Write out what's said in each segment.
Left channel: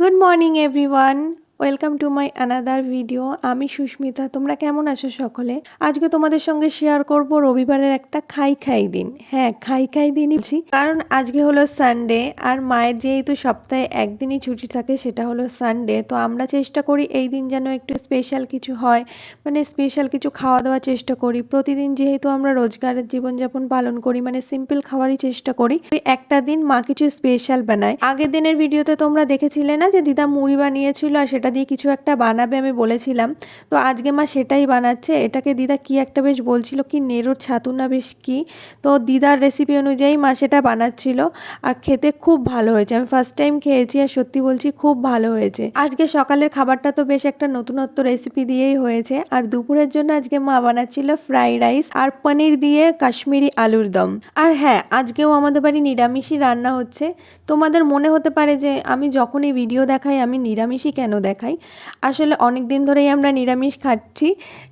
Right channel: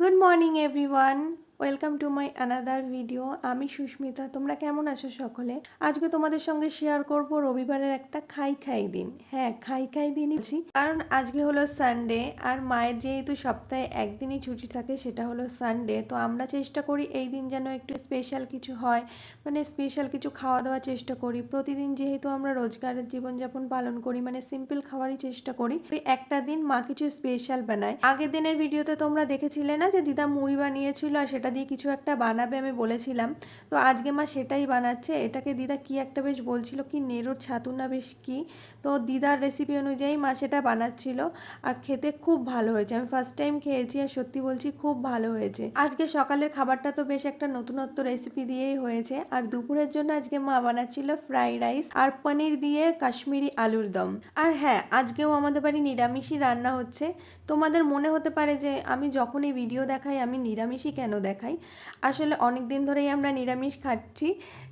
Good morning everyone, welcome to my another video. আমি সুস্মিতা। তোমরা কেমন আছো সকলে? আজকে তোমাদের সঙ্গে শেয়ার করব রবিবারের একটা খাই খাই দিন। হ্যাঁ, খাই খাই দিনই বলছি, কারণ আজকে হলো সানডে আর মায়ের যেহেতু সপ্তাহে একদিনই ছুটি থাকে, সেটা হলো সানডে। তো আমরা চেষ্টা করি এই দিন যেন একটু স্পেশাল কিছু হয়, মানে স্পেশাল কিছু খাওয়া দাওয়ার চেষ্টা করি। প্রতিদিন যেহেতু আমরা রোজগারের জীবনযাপন পালন করি, মানে সিম্পল খাওয়ারই চেষ্টা করি, একটা দিন মা কিছু স্পেশাল বানায়। আগের দিনের ভিডিওতে তোমরা দেখেছিলে না যে দিদা মুড়ি বানিয়েছিল আর সেটা দিয়ে কিছু একটা বানাবে, আমি বলেছিলাম। তো আজকে মা সেটাই বানাচ্ছে। এটাকে দিদা কি একটা বেশ বলছিল, কি নেড়োর ছাতু না বেশ কি। তো দিদার রেসিপি অনুযায়ী মা সেটা বানাচ্ছিল আর খেতে খুব ভালো হয়েছে। আমি ফার্স্ট টাইম খেয়েছি আর সত্যি বলছি খুব ভালো হয়েছে। আজকে সকালের খাবারটা তো বেশ একটা নতুনত্ব রেসিপি দিয়েই হয়েছে। আর দুপুরের জন্য আজকে মা বানাচ্ছিল ফ্রাইড রাইস আর পনির দিয়ে কাশ্মীরি আলুর দম। আর হ্যাঁ, আজকেও আমাদের বাড়ি নিরামিষই রান্না হচ্ছে। তোমাদের মনে হতে পারে যে আমি যখন এই ভিডিও দেখাই আমি নিরামিষই কেন দেখাই। আসলে অনেক দিন ধরেই আমরা নিরামিষ খাচ্ছি,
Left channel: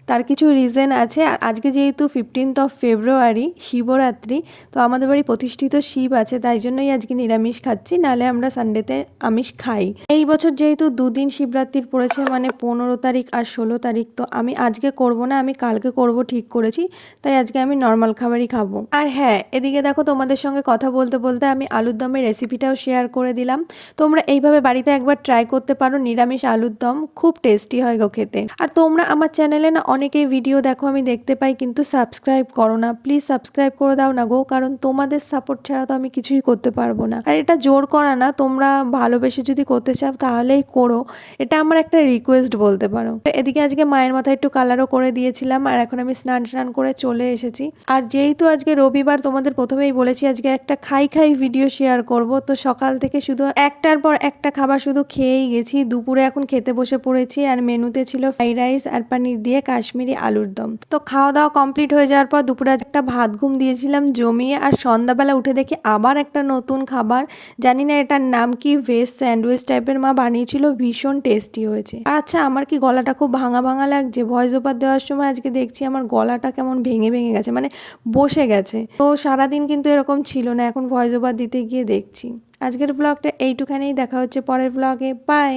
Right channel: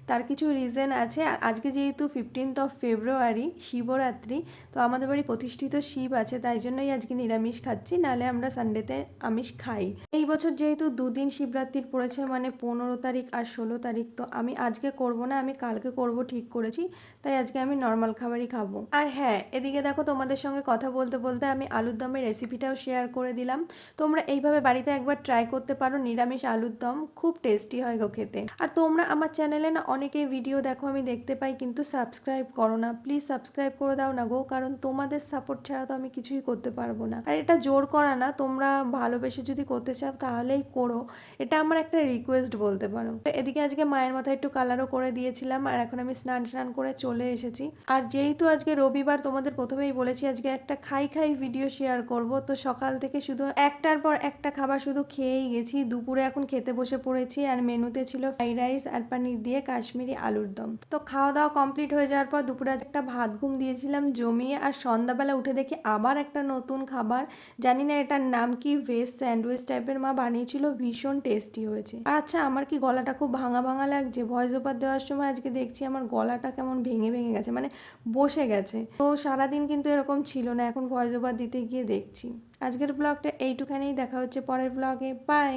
তার কিছু রিজন আছে। আর আজকে যেহেতু 15th ফেব্রুয়ারি শিবরাত্রি, তো আমাদের বাড়ি প্রতিষ্ঠিত শিব আছে, তাই জন্যই আজকে নিরামিষ খাচ্ছি, নাহলে আমরা সানডেতে আমিষ খাই। এই বছর যেহেতু দুদিন শিবরাত্রির পড়েছে, মানে 15 তারিখ আর 16 তারিখ, তো আমি আজকে করব না, আমি কালকে করব ঠিক করেছি। তাই আজকে আমি নর্মাল খাবারই খাবো। আর হ্যাঁ, এদিকে দেখো, তোমাদের সঙ্গে কথা বলতে বলতে আমি আলুর দমের রেসিপিটাও শেয়ার করে দিলাম। তোমরা এইভাবে বাড়িতে একবার ট্রাই করতে পারো, নিরামিষ আলুর দম খুব টেস্টি হয় গো খেতে। আর তোমরা আমার চ্যানেলে না অনেকেই ভিডিও দেখো, আমি দেখতে পাই, কিন্তু সাবস্ক্রাইব করো না। প্লিজ সাবস্ক্রাইব করে দাও না গো, কারণ তোমাদের সাপোর্ট ছাড়া তো আমি কিছুই করতে পারবো না। আর এটা জোর করা না, তোমরা ভালোবেসে যদি করতে চাও তাহলেই করো, এটা আমার একটা রিকোয়েস্ট বলতে পারো। এদিকে আজকে মায়ের মাথায় একটু কালারও করে দিয়েছিলাম আর এখন আমি স্নান টান করে চলে এসেছি। আর যেহেতু আজকে রবিবার, তোমাদের প্রথমেই বলেছি আজকে একটা খাই খাই ভিডিও শেয়ার করব। তো সকাল থেকে শুধু একটার পর একটা খাবার শুধু খেয়েই গেছি। দুপুরে এখন খেতে বসে পড়েছি আর মেনুতে ছিল ফ্রাইড রাইস আর পনির দিয়ে কাশ্মীরি আলুর দম। তো খাওয়া দাওয়া কমপ্লিট হয়ে যাওয়ার পর দুপুরে একটা ভাত ঘুম দিয়েছিলাম জমিয়ে, আর সন্ধ্যাবেলা উঠে দেখি আবার একটা নতুন খাবার, জানি না এটার নাম কি, ভেজ স্যান্ডউইচ টাইপের মা বানিয়েছিল, ভীষণ টেস্টি হয়েছে। আর আচ্ছা, আমার কি গলাটা খুব ভাঙা ভাঙা লাগছে? ভয়েস ওভার দেওয়ার সময় আজকে দেখছি আমার গলাটা কেমন ভেঙে ভেঙে গেছে, মানে বসে গেছে। তো সারাদিন কিন্তু এরকম ছিল না, এখন ভয়েস ওভার দিতে গিয়ে দেখছি। আজকের ব্লগটা এইটুখানেই, দেখা হচ্ছে পরের ব্লগে। বাই।